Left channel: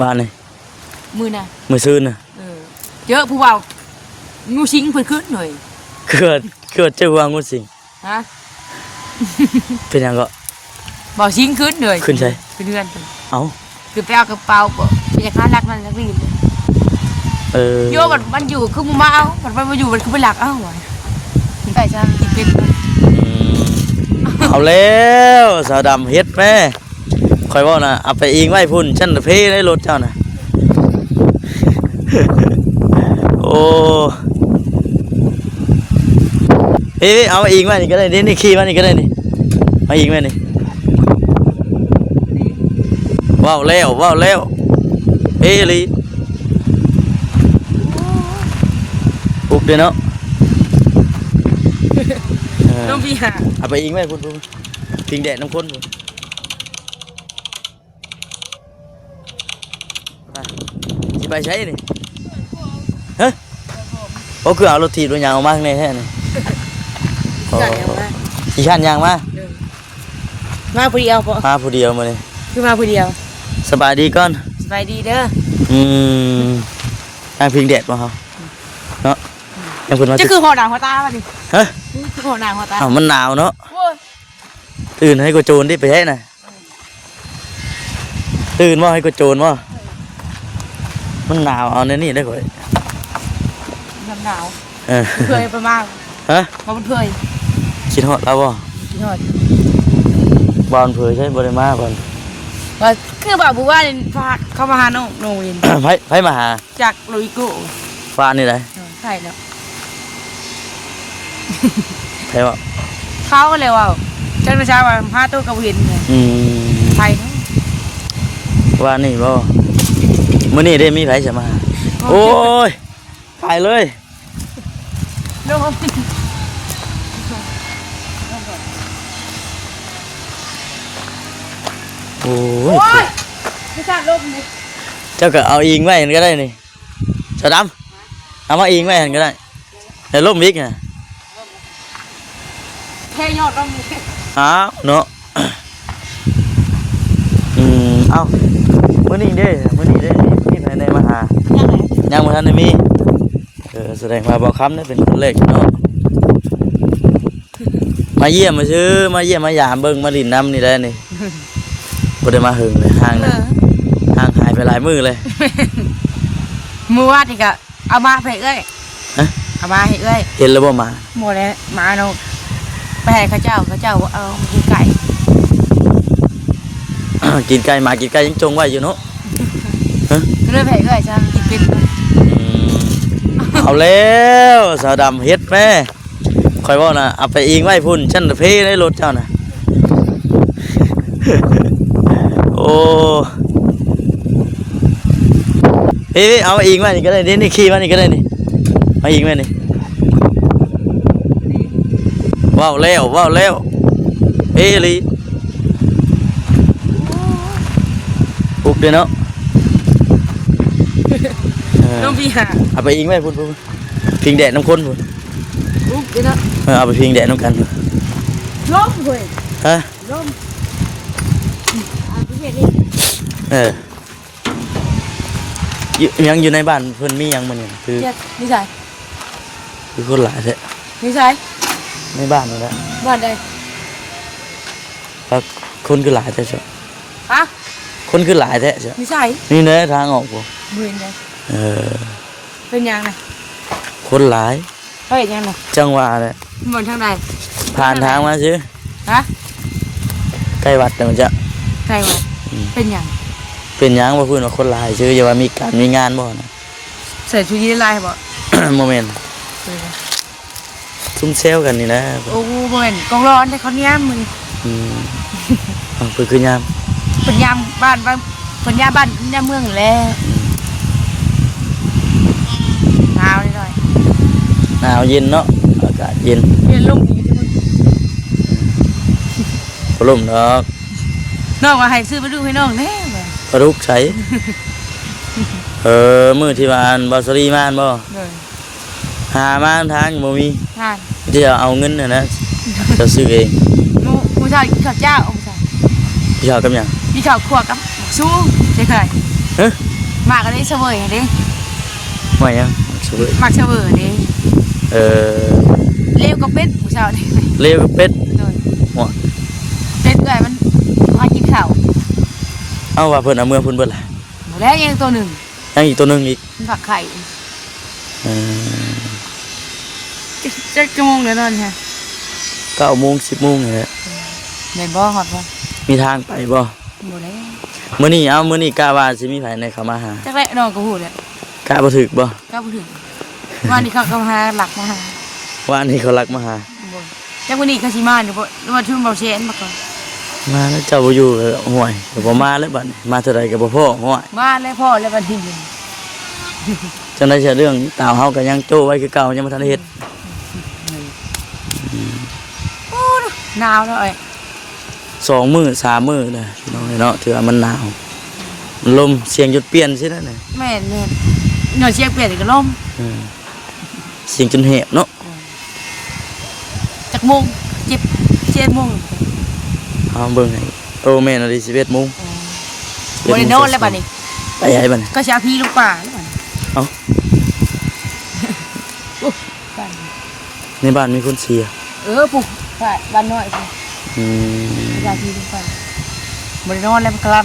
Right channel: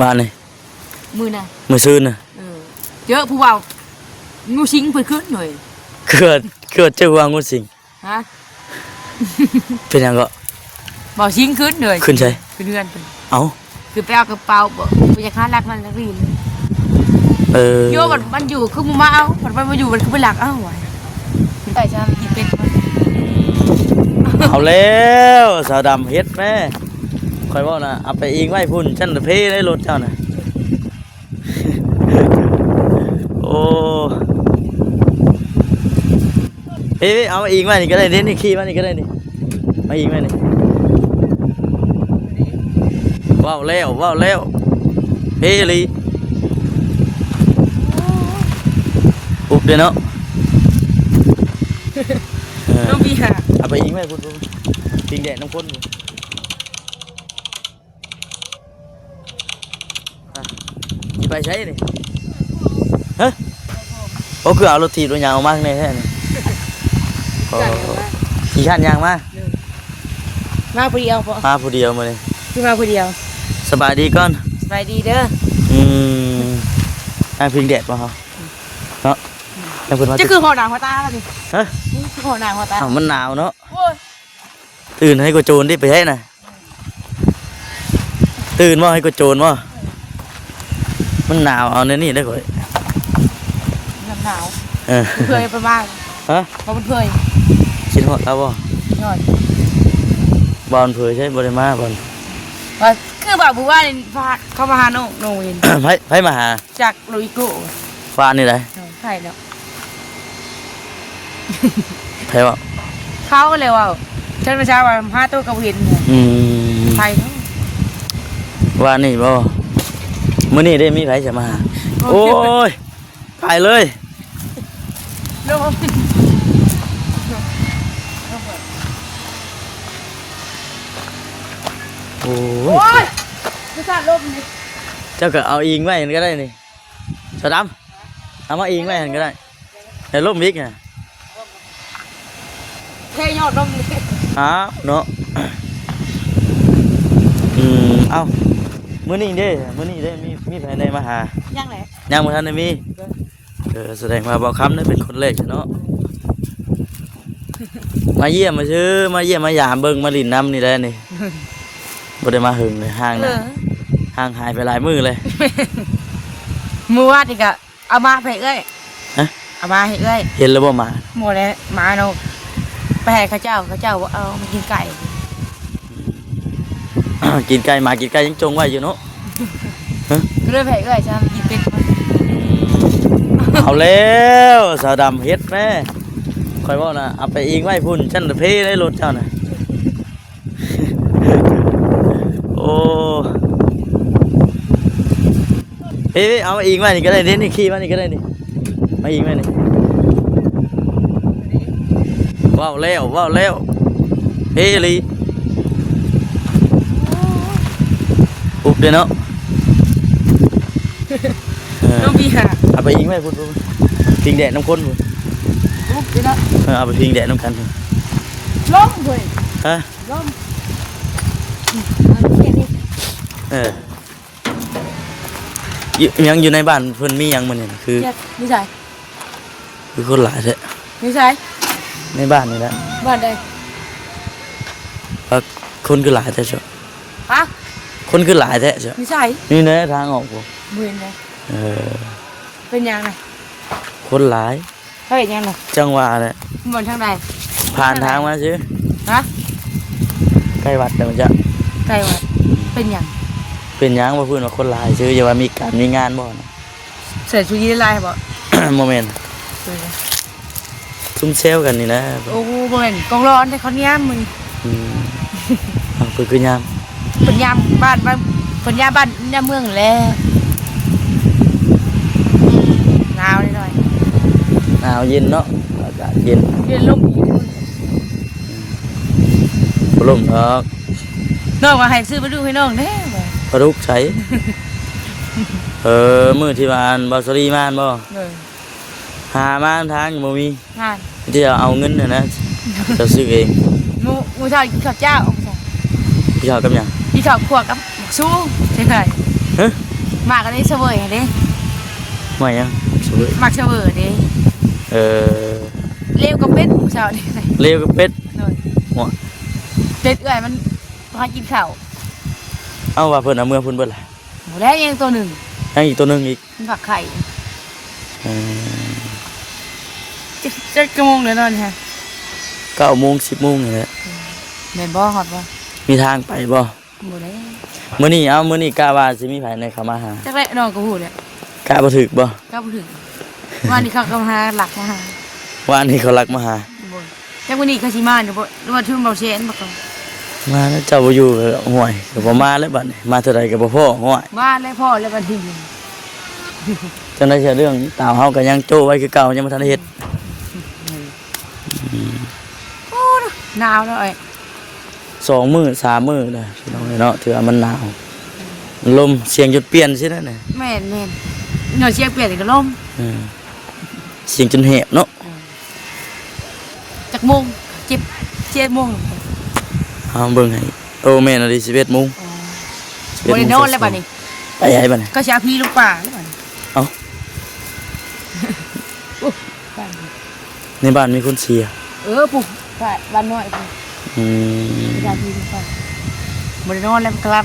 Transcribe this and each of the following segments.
บ้านนี่มือน่ะมือซื้อน่ะเจอผู้เบางูสิงเพิ่นขึ้นหน่อยเกิดเจอวางงูสิงฮะเป็นยังก็บ่สิงขึ้นหน่อยขึ้นใช่ขึ้นเฮือนเพิ่นเอ้าคือไปเอากระเป๋าบ่ไปจะค้ารักมันนักเรียนโยมันอยู่คือมาเอามันมาอยู่มันคือไปหลักเอ้ามันได้จ้าเป็นเอาแล้วสาวดำเฮ็ดแม่คอยว่านะเอาไปอิงไว้พุ่นฉันเพในรถเจ้านะโอ้เฮ้ยเอาอิงไว้นี่ก็ได้นี่ขี่มานี่ก็ได้นี่มาอิงไว้นี่ว้าวแล้วเฮ้ยลีปุ๊บเดี๋ยวเนาะต้องมีหาเอาไปอิงไว้พุ่นพิงแดดน้ำข้นไปใช้นี่ฮะเขาคือเอารถถีบรถยางออกมาข้างในแค่นี้ขี่ขันยางมาผู้เดียวปะมาผู้เดียวมาเลยคือมาผู้เดียวสบายดีก่อนสบายดีเด้อนั่งพิงแดดมาเขาเนาะยังคุณมาจะคือหัวหนาวหัวตาป่ะดิเฮ้ยคือหัวหนาวหัวตามันหนาวเนาะตื่นให้กูโจรดิไปให้น่ะตื่นว่าให้กูโจรว่ามันหนาวเอาในนี่ได้ก่อนมันหนาวเคยประมาณฮะมันเคยชินหัวเราบ่บอลเผยใช่บริมาก่อนคือแบบบุว่าเนี่ยเขามาหาโน่ลินให้มาหาจากโรยกุฟ้านี่ไหนใช่แล้วใช่ป่ะเขาเลยว่าฉันประชาว่าพาตัวกระวินไทยว่านี่บ่มื้อนี้ได้มีไผจะมาโอ้ยไปเลยโอ้ยเจ้าก็เอาอิงไว้ก็ได้นี่สดำเอามาอิงไว้ก็ได้ในร่มมิกน่ะแค่ยอดร่มมิกอ้าวเนาะเอ้ามื้อนี้เด้มีภายในมาหายังบ่ทันได้มีแสดงว่าบ่คำนั่นเป็นคนแรกเนาะมาเยี่ยมมาซื้อมาเยี่ยมมายามเบิ่งมาดินน้ำนี่ได้นี่บ่ได้มาหึงห่างหายไปหลายมื้อเลยมื้อวาดอีกอะเอามาให้เอ้ยเอามาให้เอ้ยเห็นแล้วบ่มาหมดแล้วมาเนาะไปให้ข้าเจ้าเอากินไก่กินไก่มากินไก่ยังจงไว้อยู่เนาะเลื่อนไปเอ้ยจ้ากินเป็นเอาแล้วสาวดำเฮ็ดแม่คอยว่านะเอาไปอิงไว้พุ่นฉันเพในรถเจ้านะโอ้เฮ้ยเอาอิงไว้นี่ก็ได้นี่ขี่มานี่ก็ได้นี่มาอิงไว้นี่ว้าวแล้วเฮ้ยลีปุ๊บเดี๋ยวเนาะต้องมีหาเอาไปอิงไว้พุ่นพิงแดดน้ำข้นพุ่นเอาไปพิงแดดน้ำกันล้มเลยฮะล้มยังอยู่ในบ้านเพื่อนมียังมันเนี่ยคือนิสัยมีคนหลายแท้นิสัยในบ้านนี่แหละบ้านใดคนคือหลายแท้ใช่ปะคนคือหลายแท้ใช่นิสัยนี่เนื้อทางออกบ่มือเนี่ยเป็นยังไงคนหลายไปยังไงจังหวะเนี่ยเหมือนทางไหนผ่านทางมาซื้อฮะใกล้วัดเนี่ยมันจะใกล้วัดเป็นยังบ่พูดว่าคนหลายซื้ออย่าว่ามีการมีงานบ่นะใส่ชุดนี้ลายบ่โมเมนต์ซุ่มเซลกันนี่นะโอ้โมเมนต์กองร้อนในคนย่ามมึงเพื่อคือยามเป็นยามบ้านเป็นยามบ้านยามเมืองแล้วหนาวหน่อยหนาวเย็นเนาะอากาศเย็นลมลมเนาะน้องว่าให้ซื้อมาดูให้น้องแน่ปลาดุกใช้มื้อที่บ้านบาสรีมานบ่หามาทางบ่มีจะเอาเงินน่ะนะจะซื้อเองมูชาวข้าวเจ้าพี่ชาวกับหยังพี่ชาวขวดกับสู้ใช่เคย มากก็ได้เสวยเด้ ว่ายังสวย มากเสวยเด้ เออ เลี้ยวก็เป็ดเช้าเด้ เลวกับเป็ดหัว เป็ดเอ้ยมันพากินข้าว เอาว่าเพิ่นเอาเมื่อเพิ่นเบิดล่ะ แล้วยังตัวหนึ่ง ยังอีกตัวหนึงอีก มันฝักไข่ อืม จะชั่วโมงเลยนอนฮะ 9 โมง 10 โมงนี่แหละ ในบ่หอดบ่ มีทางไปบ่ บ่ได้ มื้อนี้กะว่าสิมีไผในเข้ามาหา จักแรกนอนก็หูเลย กะบ่ถึกบ่ ก็บ่ถึงวันนี้เขาก็หาหลักมาหา ว่านี่เขารักมาหา บ่จักวันนี้เขาสิมาเดี๋ยวบ่หรือว่าทุ่มเบาเชนบ่ก่อน มาแล้วเจ้าบ่อยู่ห่วยก็บ่มาแล้วบัดนี้มาเท่าใดก็บ่พอห่วย มาแล้วพ่อแล้ววันที่หนึ่ง จังได๋เสียเรื่องตาวเฮาก็ยังโจ้ไว้คือเก่ายังบ่ทันได้เฮ็ด โอ้หนาวแล้วไอ้ 2 มื้อ3 มื้อนะพี่น้องเนาะถือว่ามันหนาวมันลมเสียงจนเปลี่ยนซิแล้วน่ะ แม่นเนื้อเชียงเปลี่ยนก็ล่ม เออเสียงจนแหบเนาะ จักโมง7โมง เอาเบิ่งให้โอ้แม่นอะดิ11 โมง บ่ได้นอนแล้วบัดนี้ ไปให้บัดนี้ ก็สิเอาพี่ลูกป่า เอ้าในบ้านมีคนเสีย ปุ๊บใช่บ้านน้อยสิ อืม เอาพี่ลูกป่าบ่ได้นอนแล้วมันกล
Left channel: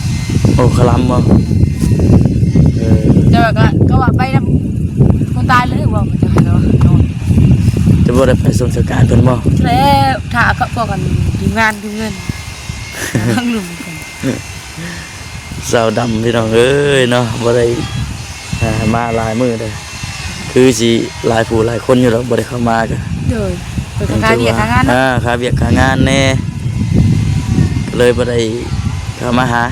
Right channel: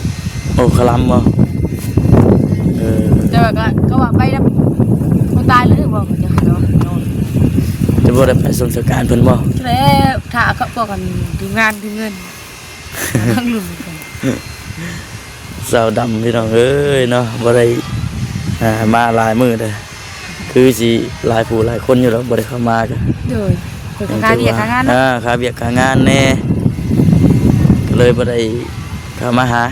ำ โอ้คลำบ่เออ แต่ว่าก็ว่าไปนำคนตายเลยว่ามันจะให้เรานอน จะบ่ได้ไปส่งสการเพิ่นบ่ แล้วถ้าก็พอกันถึงงานถึงเงินทั้งลุง สาวดำพี่น้องเอ้ยเนาะบ่ได้มาหลายมื้อเด้อคือสิหลายผู้หลายคนอยู่แล้วบ่ได้เข้ามากัน คือการเรียกการงานนะ ค่าเวียกค่างานแน่ก็เลยบ่ได้เข้ามาหา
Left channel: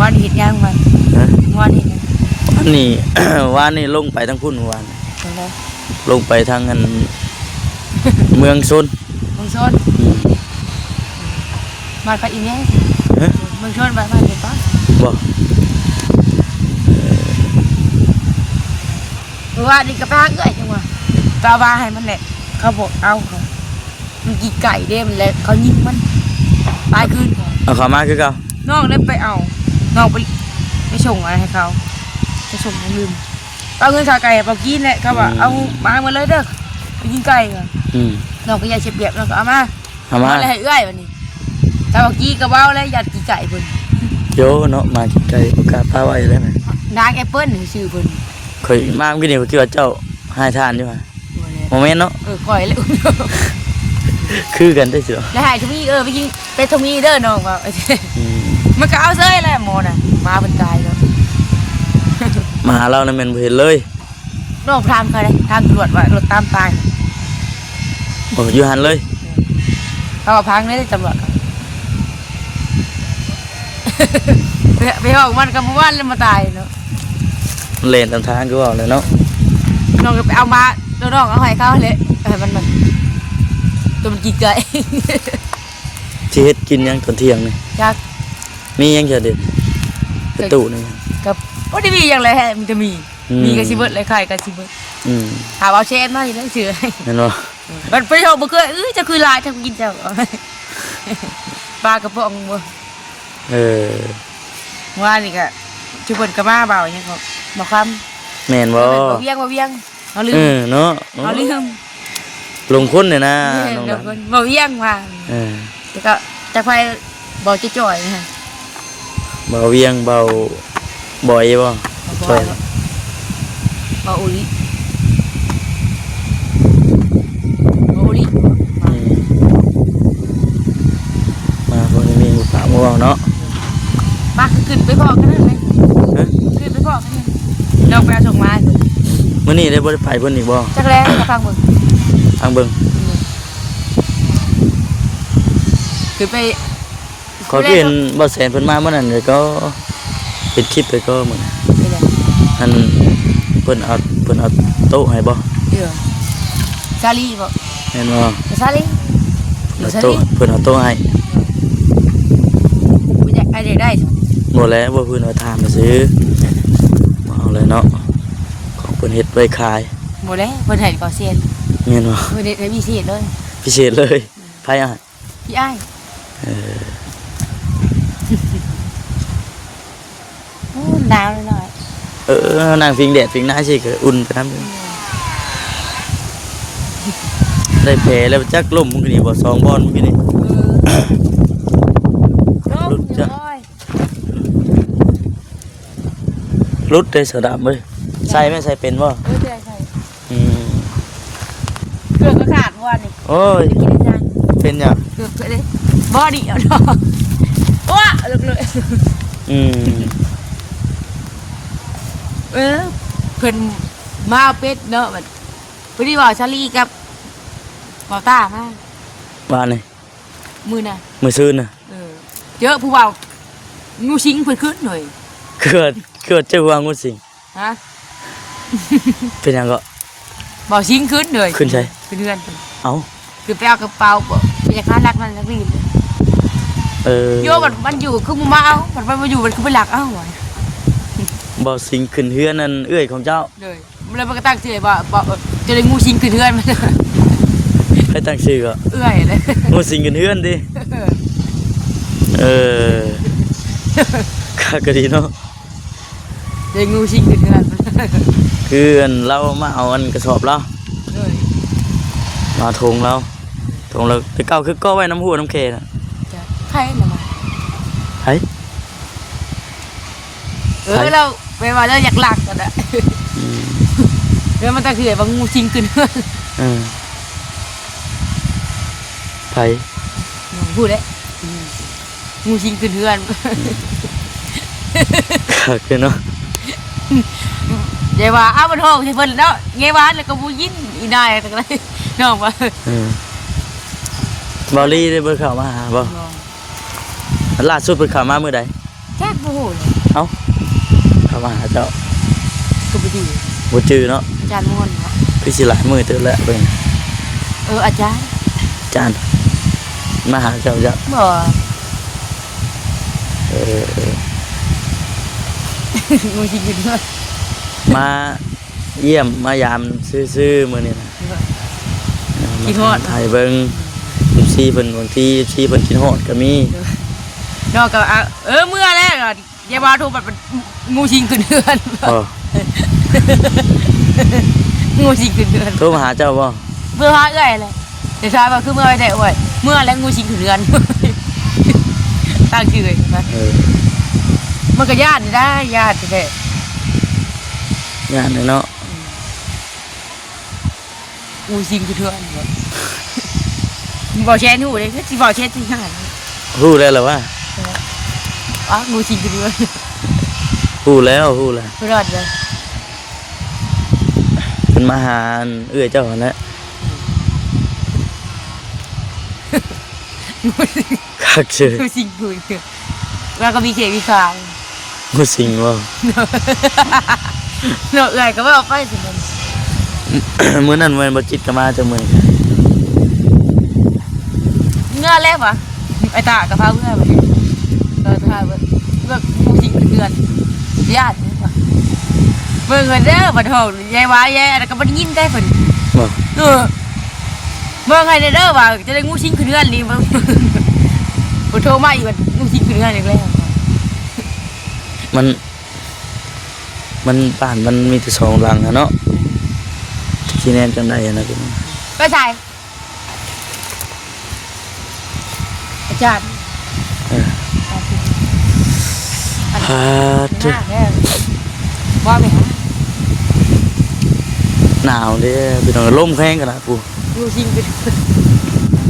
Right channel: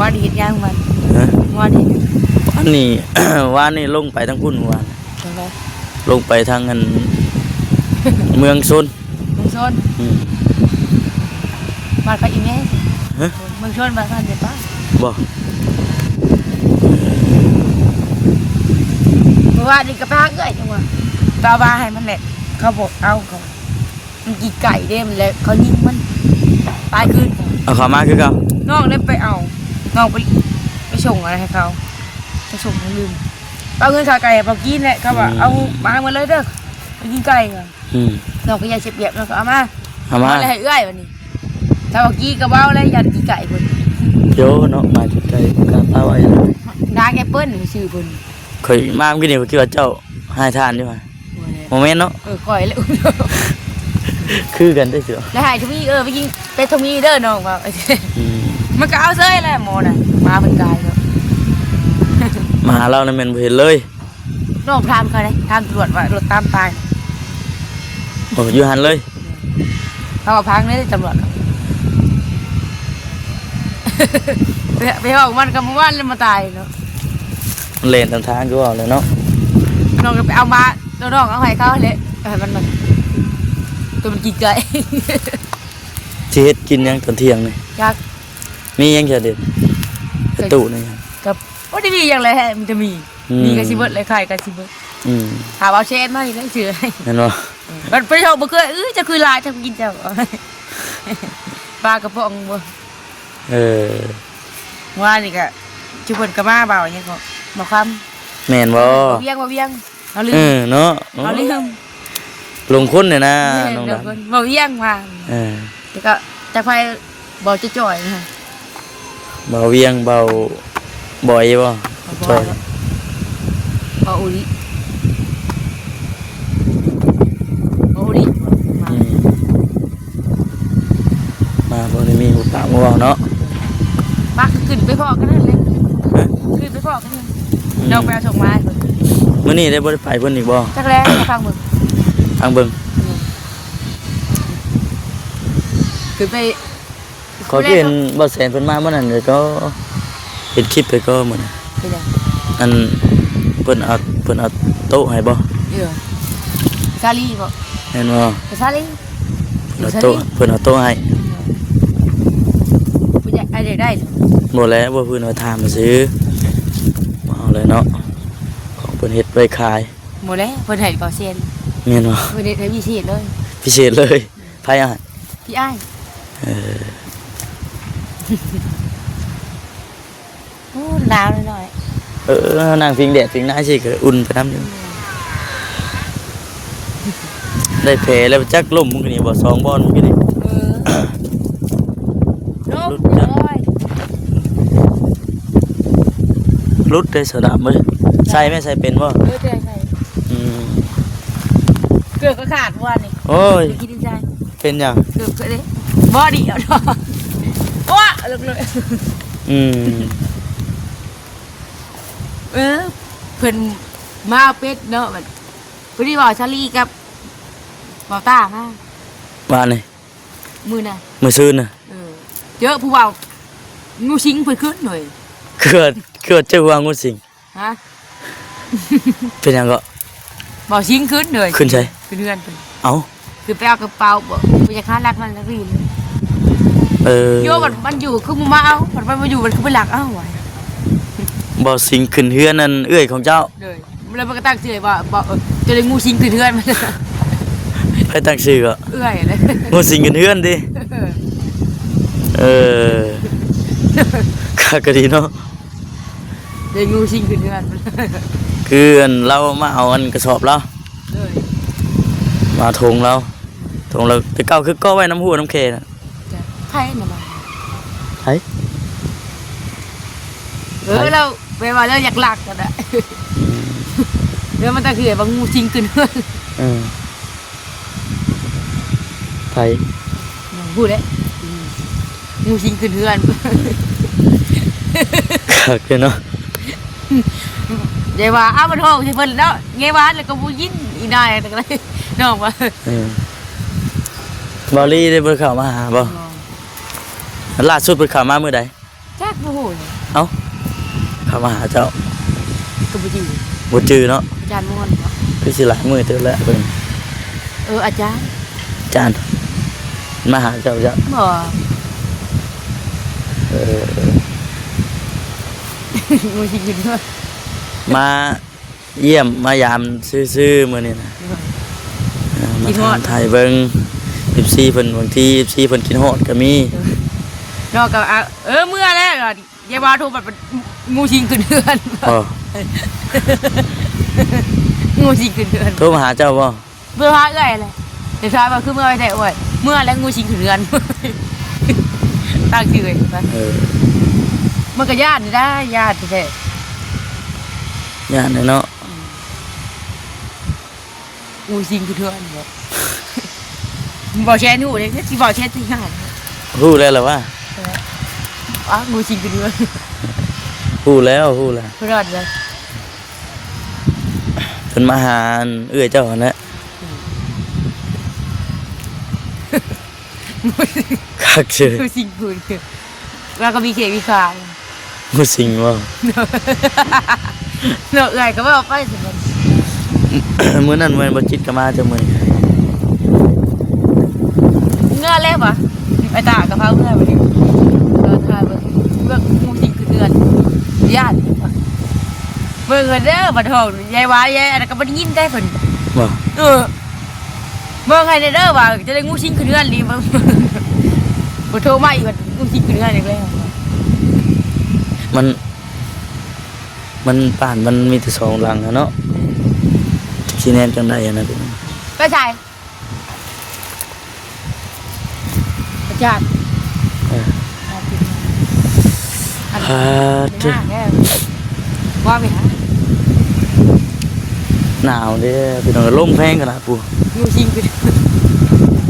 วันเห็นยังมัน นะ วันเห็น อันนี้ ว่านี่ลงไปทางพุ่นว่า ยังไง ลงไปทางอัน เมืองซน มึงชนมาไปอีกแล้ว ฮะ มึงชนมาเดี๋ยวต่อ บ่ เพราะว่านี่กระพากเอ้ยจังหวะกาบาให้มันแหละเขาบอกเอาเขามันกี่ไก่เด้มันแหละเขายิงมันตายคืน เอาเข้ามาคือเก่า น้องเลยไปเอาน้องไปส่งอะไรให้เขาจะส่งเงินเอาเงินขาไก่เอากินแหละเขาบอกเอามาหมดเลยเด้อไปกินไก่ไง อืม น้องก็อยากเสียเปรียบน้องก็เอามา เอามา อะไรให้เอื้อยวันนี้ถ้าบอกกี้ก็เว้าแล้วอยากกินไก่เพิ่น โยเนาะมาใกล้ๆกาป้าไว้เลย ดาแอปเปิ้ลนี่ชื่อเพิ่น ข่อยมาเมื่อกี้นี่ผมคิดว่าเจ้าให้ทานนี่ว่าโมเมนต์เนาะ ปล่อยเลย คือกันได้เสือ แล้วหายทุมีไปกินไปทุมีเด้อน้องว่ามันก็เอาเซ้ยแหละหมอน่ะมาเพิ่นตายบ่ มาหาเรานั่นแม่นบ่เห็นเลย น้องพรามเขาเลยทางตรวจว่ารถตามตาย โอ้อยู่หันเลย เขาว่าพังเลยตำรวจไปห้องมันกับหมู่บ้านเลยมาตายเนาะ มันเล่นตามทางคือว่าเลยเนาะ น้องก็ไปเอามาแล้วน้องเอาให้เขาเลยมันตัวมันกินไก่ สิเฮ็ดกินยังตอนเที่ยงนี่ จัก มียังจะเด็ดกระตุนี่ กับโอ้ได้มีอย่างไรฮะมันจะมีกระชิบเลยไข่กระชิบ อืม ถามเอาเชนมาอีกแล้วเชื่อ แม่นบ่ มันไปเอาบ่เคยจะคือลายทำกินเจ้าปลากระป๋องบ่ เออ ว่านี่ก็ชุบเปิดกระมาเบาอย่างก็มาคำ แม่นบ่ เวียงเอาลื เอ ม อเนาะ เอาลืม ลงคนเนี่ยนะน้อง เดี๋ ดั ยวน คนบ่เวียงว่า เออ แล้วก็จะไปบ่จ่อยๆฮะ เบาเวียงเบาบ่อยบ่ บ่บ่อุลิบ่อุลิ มาคนนี้ปากบ่เว้าเนาะ ปักขึ้นไปพอกันนั่นเลยขึ้นไปพอกันนั่นเราไปส่งมา มื้อนี้ได้บ่ได้ไปเพิ่นอีกบ่ จักแล้วฟังมึง ทางเบิ่ง ขึ้นไป ขอยก็เห็นบ่แสนเพิ่นมาเมื่อนั้นเดี๋ยวก็เห็นคลิปไปก็มื้อนั้นอันเพิ่นเอาโต๊ะให้บ่ ซาลีบ่ แม่นบ่ ซาลี เพิ่นเอาโต๊ะให้ กูจะไอเด็กได้ บ่แล้วบ่เพิ่นเอาถามมาซื้อบ่เอาเลยเนาะของเพิ่นเฮ็ดไว้ขาย หมดแล้วเพิ่นให้เปาเซียน แม่นบ่ เพิ่นได้พิเศษเลย พิเศษเลยไผอ่ะ พี่อ้าย เออ โ หนาวหน่อย นางพิงแดดพิงหน้าสิก็อุ่นไปน้ำนึงได้แผลแล้วจักล่มมึงก็ดีบ่2บอลมึงก็ดี ลูกน้อย รุดได้สะดับมั้ยใส่ไหมใส่เป็นบ่ ไม่ใช่ใช่ อืม เกือบก็ขาดวันนี่ โอ้ย กินได้ เป็นหยัง เกือบไปเลยบอดี้เอาดอกว้าลึกเลย อืม เพิ่นมาเป็ดเนาะแบบพอดีว่าชาลีกับเบาต้ามา ว่านี่ มือน่ะ มื้อซื่นน่ะ เยอะผู้เบางูสิงเพิ่นขึ้นหน่อย เกิดเจ้าว่างูสิง ฮะ เป็นหยังก็ เบาสิงขึ้นหน่อย ขึ้นใช่ ขึ้นเฮือนเพิ่น เอ้า คือไปเอากระเป๋าบอกไปจะค้านักมันนักรีน โยมันอยู่คือมาเอามันมาอยู่มันคือไปหลักเอ้าหน่อย บ่สิงขึ้นเฮือนนั่นเอื้อยของเจ้า เลยมันเลยมันก็ตั้งชื่อว่าบอกจะได้งูสิงขึ้นเฮือนมัน ไปตั้งชื่อก็ เอื้อยเลย งูสิงขึ้นเฮือนดิเออคักก็ดีเนาะ จะงูสิงขึ้นเฮือน คืออันเรามาเอาอันกระสอบเรามาทงเราไปเก่าคือก็ไว้น้ำหัวน้ำเคน่ะ ไพ่น่ะมา ไผ เราไปว่าเราอยากหลักกันอะเดี๋ยวมันจะคือว่างูสิงขึ้นเฮือน ไผ พูดเลยงูสิงขึ้นเฮือน คักเลยเนาะ ยายว่าอ้าวมันห้องใช่เพิ่นแล้วยายว่าแล้วก็บูยินอีได้แต่ก็น้องว่า บอลลี่ได้เพิ่นเข้ามาหาบ่ล่าสุดเพิ่นเข้ามามื้อใด แจ๊กบ่ฮู้ เอ้าเข้ามาหาเจ้า ก็บ่อยู่ บ่จื้อเนาะ อาจารย์ม่วนว่า พี่สิหลายมื้อเจอแล้วเพิ่น อาจารย์ จานมาหาเจ้าจ้ะ บ่งูสิงขึ้นเฮือน มาเยี่ยมมายามซื่อๆมื้อนี้นะมาถามไทยเบิ่ง14เพิ่นบางที14เพิ่นกินฮอดก็มี นอกก็เมื่อแล้วยายว่าถูกแบบงูสิงขึ้นเฮือน อ๋อ งูสิงขึ้นเฮือน โทรมาหาเจ้าบ่ เมื่อว่าเอ้ยเลยเดี๋ยวชายว่าคือเมื่อไว้แต่อวยเมื่อแล้วงูสิงขึ้นเฮือนตั้งชื่อเลยนะ มันก็ญาติได้ญาติแท้ งานเนาะ งูสิงคือเถื่อนบอกแชร์หนูเลยที่บอกแชร์ที่ญาติ ฮู้แล้วล่ะว่า อ๋องูสิงคือเถื่อน ฮู้แล้ว เพื่อนเลย เพิ่นมาหาเอื้อยเจ้าหั่นแหละคักซื่อ งูสิงคือเถื่อนแล้วก็มีเขมีขาว งูสิงบ่ เนาะเลยก็ว่าไปสิ มื้อนั้นแม่นบ่จิตก็มาจังมื้อ เงื่อแล้วปะไปตากระเพราเงื่อไปทาว่างูสิงคือเถื่อนญาติเมื่อเงินเด้อบัดทองยายวายยายอะไรก็บัดยิ้มได้ผล บ่ เมื่อไงเด้อว่าจะได้งูสิงขึ้นเรือนนี่บ่โทรมาอีกว่างูสิงขึ้นเรือนอีกแล้ว มันบ้านมันมีแต่สองหลังอะเนาะสิแน่นจังได๋อะนะ ก็ใช่อาจารย์ ฮาด ว่าไหมฮะ หนาวเด้อพี่น้องลมแพงขนาดผู้ งูสิงขึ้น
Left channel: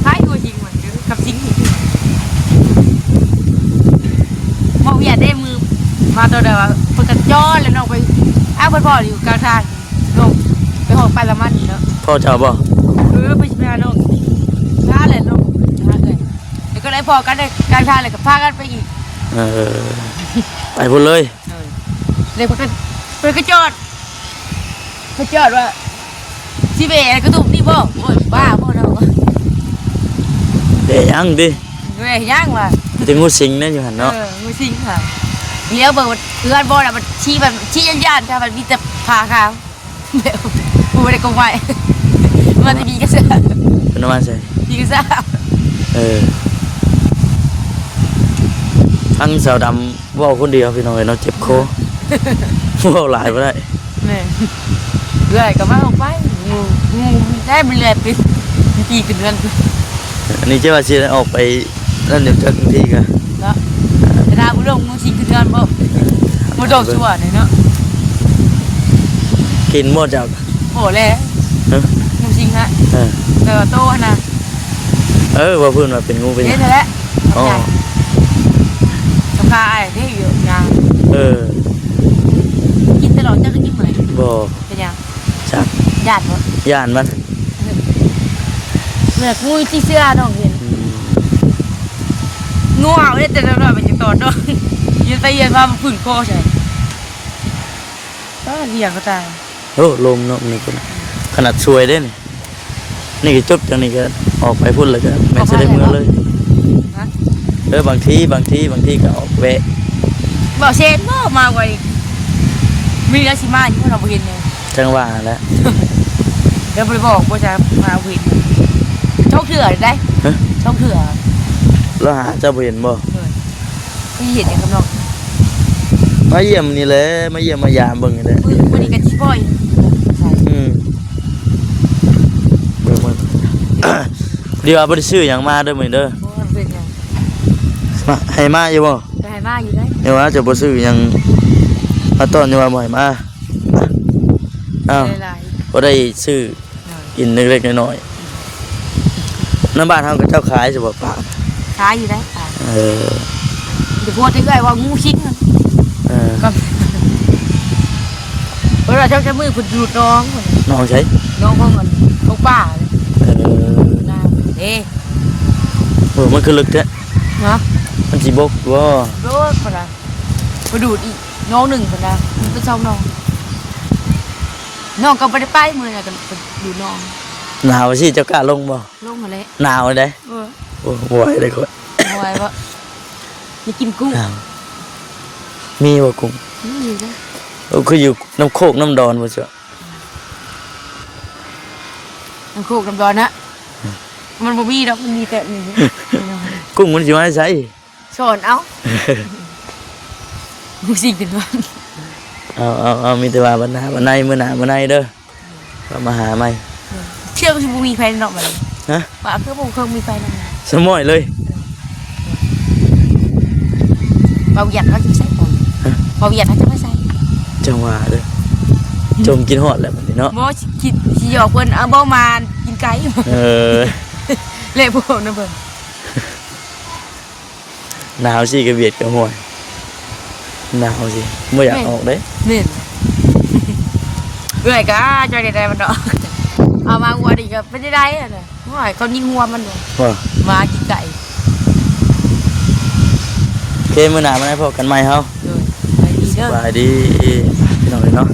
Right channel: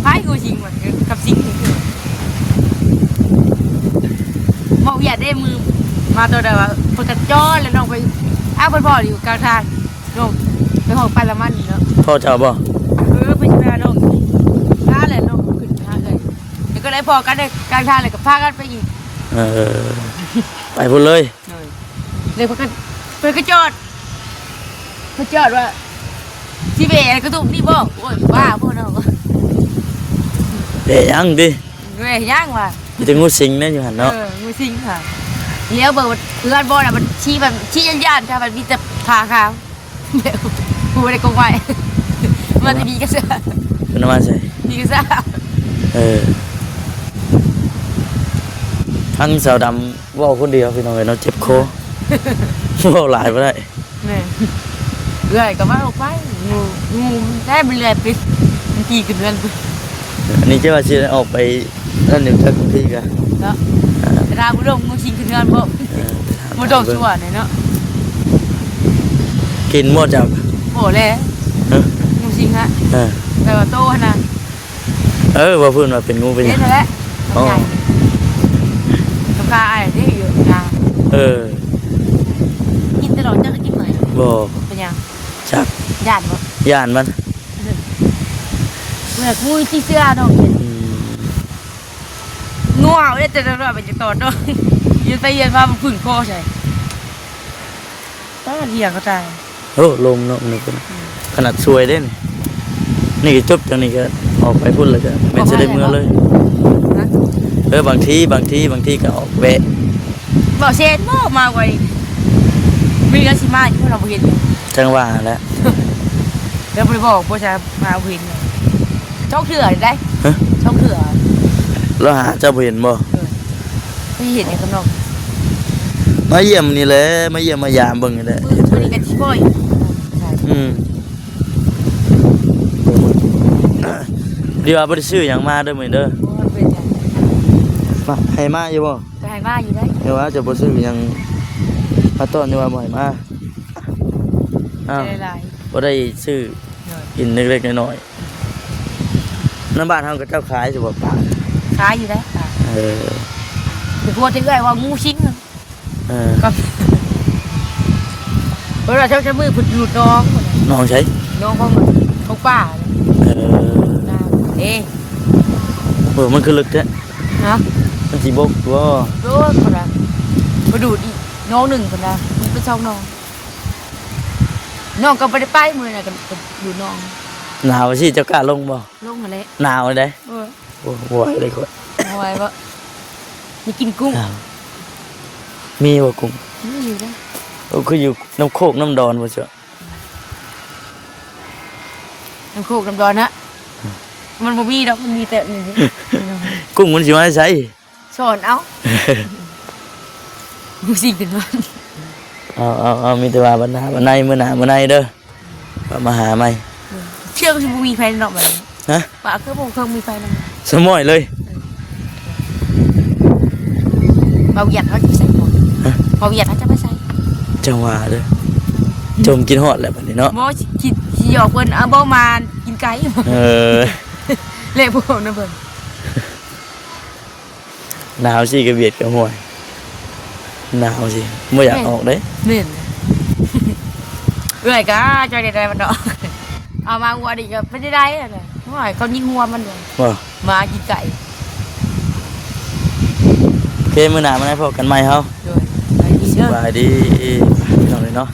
คล้ายงูสิงเหมือนกับสิงมองอย่าได้มือมาตัวเดียวพอกันย้อนแล้วน้องไปพ่ออยู่กลางทางน้องไปห้องไปละมันอยู่เนาะ พ่อเจ้าบ่ ไปชิมน้องน่าเลยน้องน่าเลยแล้วก็ได้พอกันเลยกลางทางเลยก็พากันไปอีก ไปพุ่นเลย เลยพากันไปกระจอดว่าสิเบะกระตุกนี่บ่โอ้ยบ้าพวกเรา เด้ยังดิ เว้ยย่างว่ะ มีแต่งูสิงนั่นอยู่หั่นเนาะ งูสิงค่ะเดี๋ยวเบิดเพื่อนบ่น่ะมันชี้แบบชี้ย่านๆค่ะมันมีแต่พาค่ะกูไม่ได้กงไว้มันจะดีก็ซะ เพิ่นว่าใส่ ดีก็ซะ ทั้งสาวดำ เว้าคนเดียวพี่น้องเอ้ยเนาะเจ็บคอ เว้าหลายบ่ได้ แม่เรื่อยก็มาออกไปงูได้ไปเรื่อยไปปีกันเดือน อันนี้จะว่าสิออกไปนั่นนึงทันทีก็ แล้วเวลาบุลงมันสิกันเดือนบ่บ่ต้องชั่วเนี่ยเนาะ กินหมดจับ โอ้แล้ว ฮะ งูสิงฮะ เออ แต่ว่าโตนะ ว่าเพิ่นว่าเป็นงูเป็นห เย็ ยั น ง แล้วแหละใหญ่สำคัญไอ้นี่อยู่กลาง เออ กินตลอดจะกินเหมือน บ่ เป็นยัง จัก ญาติเนาะ ย่านมัน เมื่อกูที่เสื้อเนาะงัวเลยแต่ละหน่อยมันจะตอดเนาะยืนไปยืนมามันฝืนคอใช่ก็เหี้ยก็ตาย โอ้ลงเนาะนี่ก็ขนาดสวยเด้นี่ก็จบจังนี้ก็ออกไปพุ่นเลยก็เป็นสิได้เมืองเลย นะ บางทีก็ออกแวะ บอกเชนบ่มาไว้มีแล้วสิมาอยู่เราเห็นอยู่ จังหว่าแล้ว เดี๋ยวไปบอกว่าจะมาเห็นโชคเถื่อได้ ฮะ โชคเถื่อ แล้วหาเจ้าบ่เห็นบ่ ที่เห็นในข้างนอก มาเยี่ยมนี่แหละมาเยี่ยมมายามเบิ่งนี่แหละ วันนี้กันที่บ่อยใช่ อืม เดี๋ยวบ่ได้ซื้อหยังมาเด้อมื้อนี้เด้อ โอ้เป็นไง มาให้มาอยู่บ่ จะให้มาอยู่ได้ เดี๋ยวว่าจะบ่ซื้อหยังมาต้อนอยู่ว่าบ่ให้มาอ้าว หลาย บ่ได้ซื้อกินเล็กๆน้อยๆน้ำบ้านเฮาก็เจ้าขายสิบ่ปาก ๆขายอยู่ได้ขาย เออ คือพวกที่เอ้ยว่างูชิงมัน อ่า กับเพราะเราเจ้าจะมือขุดดูน้อง น้องใช้ น้องของป้า เออ น้ำเอ๊ะ มันคือลึกแท้ ฮะ มันสิบกบ่ โดนคนละมาดูดอีกน้องหนึ่งคนละคุณก็ชอบน้องน้องก็ไม่ได้ไปมือนะกันดูน้อง หนาวสิเจ้ากล้าลงบ่ น้องมาเลย หนาวได้ เออ บ่ไหวเลยคน เอาไว้ว่ามีกินกุ้ง หนาวมีบ่กุ้ง นี่นะ คืออยู่น้ำโคกน้ำดอนบ่จ้ะ น้ำโคกน้ำดอนนะมันบ่มีดอกมันมีแต่นี่ กุ้งมันสิมาใช้ สอนเอามูสิกันวัน เอามีแต่ว่าวันหน้าวันในมื้อหน้ามื้อในเด้อก็มาหาใหม่ เชื่อว่าบ่มีไฟนอกมัน ฮะ ป่าเพื่อผมเคยมีไฟนอก สมอยเลย เราหยัดเขาจะใส่หมดเราหยัดเขาจะไม่ใส่ จังหวะเด้อจงกินฮอดแล้วบัดนี้เนาะ หมอคิดสิหยอกเพิ่นเอาบ่มากินไก่ เออ เลยพวกนั้นเพิ่น หนาวสิก็เบียดกับห่วยหนาวสิบ่อยากออกเด้ นี่เอ้ยก็จอยได้มันดอกเอามาหัวดิก็ไม่ได้อ่ะนะหอยเขายิงหัวมัน ว่า มากินไก่ โอเคมื้อหน้ามาพบกันใหม่เฮา เออ สบายดีพี่น้องเนาะ